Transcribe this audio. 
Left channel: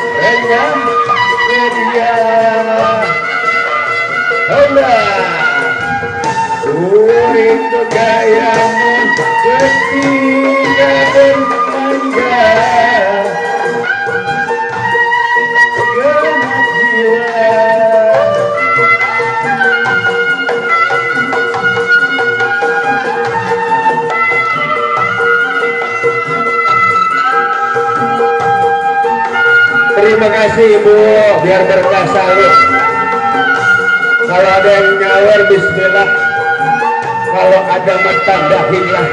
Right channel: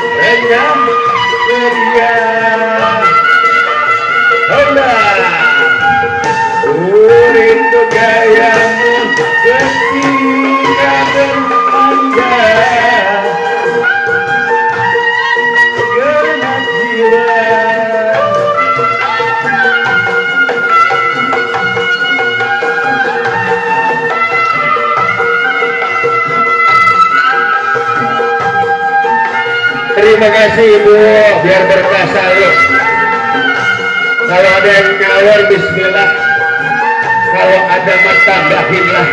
dengan media Honda itu gayamu ketika bermanja genap jiwa. Terima kasih Ibu, biar berkah selalu. Kalau ada yang nyawar, bismillah. Kalau ada mah tambahinlah.